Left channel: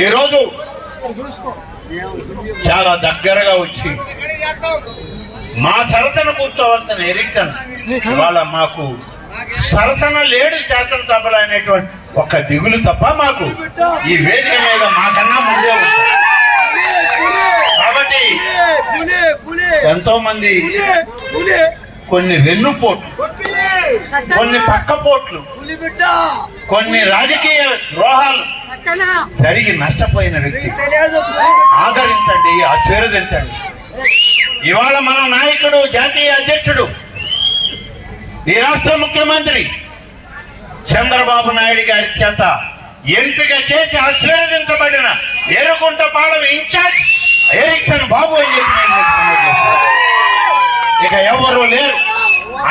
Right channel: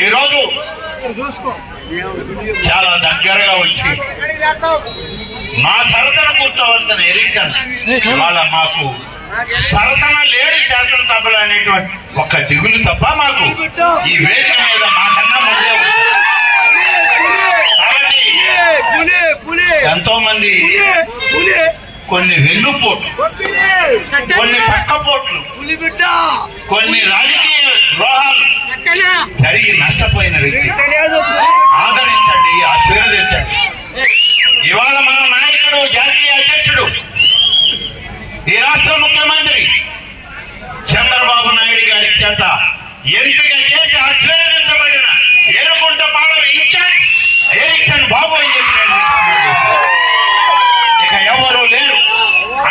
ఈరోజు చాలా దగ్గరగా వచ్చి మా సరసన కూర్చోవలసిన ఎరిక్సన్ ఇవాళ మాకు సరసన లేడు శాసనసభలు అనేటువంటి ఒక దిగులు తప్ప మాకు ఈ వేదిక మీద మాకన్నా ముందే. కాబట్టి ఎంతో మంది కొన్ని వెన్నుపోట్లు కొన్ని పక్కపోట్లు పులి బిడ్డ కొన్ని రాజకీయ ద్రోహాలు జరిగి నష్టపోయిన వ్యక్తి. ఆదరించండి ఆశీర్వదించండి ఇవాళ మన నాయకుడు జాతీయ అధ్యక్షుడు ఈ రాష్ట్ర ముఖ్యమంత్రి చంద్రబాబు నాయుడు గారి చేత ఎంపిక చేసి ఆశీర్వదించబడిన ఏరుకుంట పాలెం ఇన్ఛార్జ్ ఎరిక్సన్ బాబు అని చెప్పి. ఇక ఎవరు లేరు.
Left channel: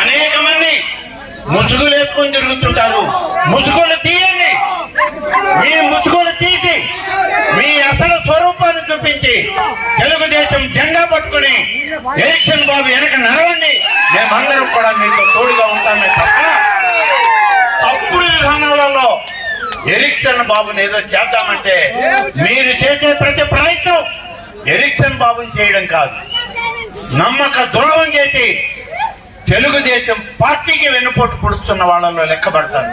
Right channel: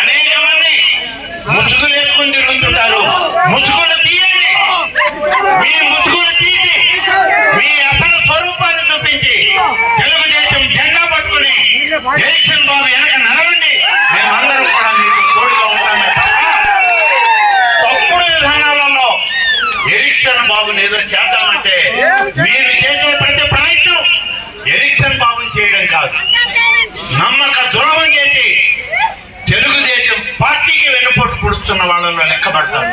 అనేక మంది ముసుగులు వేసుకొని తిరుగుతుంటారు. ముసుగులు తీయండి. మీ ముసుగులు తీసి మీ అసలు స్వరూపాన్ని చూపించి తెలుగుదేశం జెండా పట్టుకుని జగన్ బాబు వెనక నడవండి. మేమందరం కూడా మీతో తోడుగా ఉంటామే తప్ప తప్పుడు విధానాలలో ఎరిక్షన్ బాబుని ఏదో చేద్దామంటే మీరు చేసే ప్రతి ప్రయత్నం ఎరిక్షన్ బాబుని చేయడం కాదు. తెలుగుదేశం పార్టీకి వెనుపోటు పొడుస్తున్న వాళ్ళలో లెక్కబడతారు.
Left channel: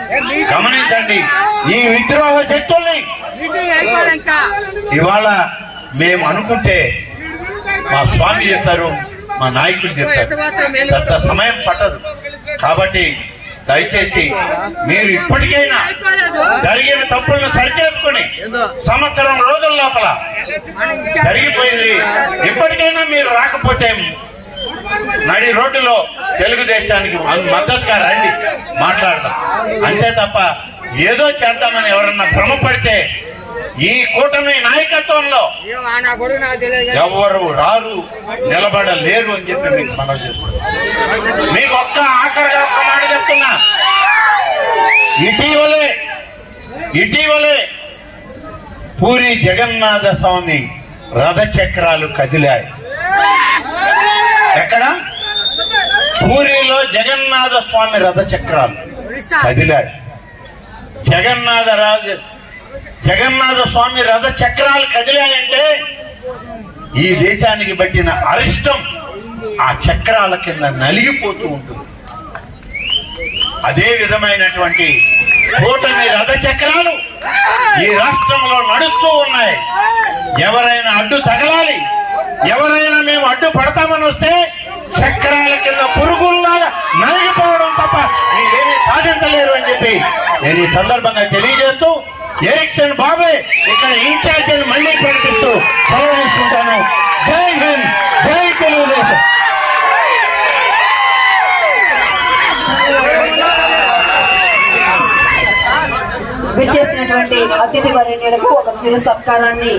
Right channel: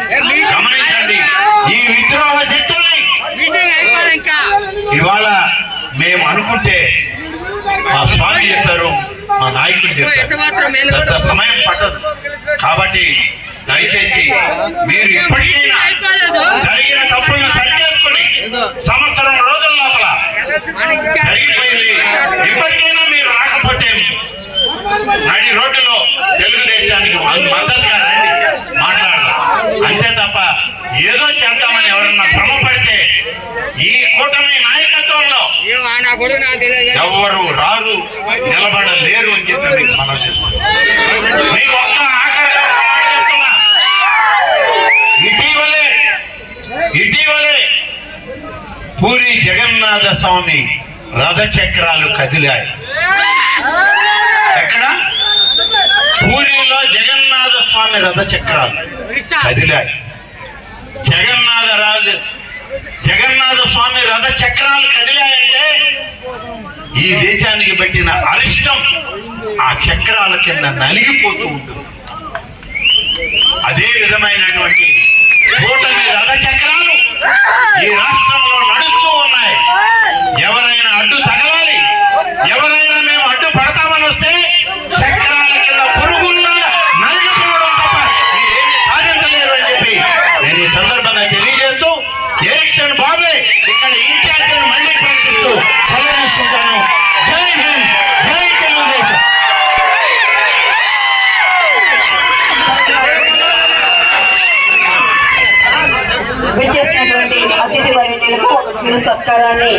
గమనించండి ఈ విద్రోహ శక్తుల్ని. ఇవాళ మేము అనుకుంటే మా స్వామి చెప్పారు మా నాయకులు చెప్పారు. పెద్ద సమయం పట్టదు. కాబట్టి దయచేసి మీరు ఇప్పటికైనా జరిగిన తప్పులను సరిచేసుకుని సంవత్సరం రోజుల లోపల జరిగిపోయింది. ఇప్పటికైనా మీరు రాకపోతే తెలుగుదేశానికి మద్దతుగా రండి మాట్లాడదాం. అంతే తప్ప ఏదో చేద్దామని ఎవరన్నా భ్రమపడితే ఈ కూటమి నాయకత్వంలో ఎవరు రారు నిలబడలేరు అని చెప్పి మీకు మనం చేస్తున్నాం మీకు ఒక్క ఆఖరిగా ఒక్క మాట చెప్తున్నా. ఇటీవలే ఇటీవలే పూరి జగన్నాథ స్వామి రథ చక్రాలు కదిలాయి. జగన్నాథ స్వామి రథచక్రాలు కదిలాయి. జగన్నాథ రాజు జగన్నాథ స్వామి రథ చక్రాలు కదిలాయంటే ఈ దేశానికి పట్టిన అరిష్టం ఆ చక్రాల కింద నలిగిపోతూ ఉంటుంది. అదే విధమైనటువంటి కూటమి రథ చక్రాలు ఈ రాష్ట్రంలో నడుస్తూ ఉన్నాయి. ఎవరైనా అడ్డు తగలాలి ఎవరైనా మేము అడ్డు పడతామని వస్తే చక్రాల కింద పురుగుల్లాగా నలిగిపోవడం తప్ప మీరేమీ సాధించలేరు అని చెప్పి నేను ఈ సందర్భంగా తెలియజేస్తూ ఎలక్షన్ బాబే ఇక్కడ ఇన్ఛార్జ్ మళ్ళీ ప్రకటిస్తూ సెలవు తీసుకుంటాను జై హింద్ జై తెలుగుదేశం. విచ్చేసినటువంటి అతిథి వర్యులకు ఒక చిరు సత్కారాన్ని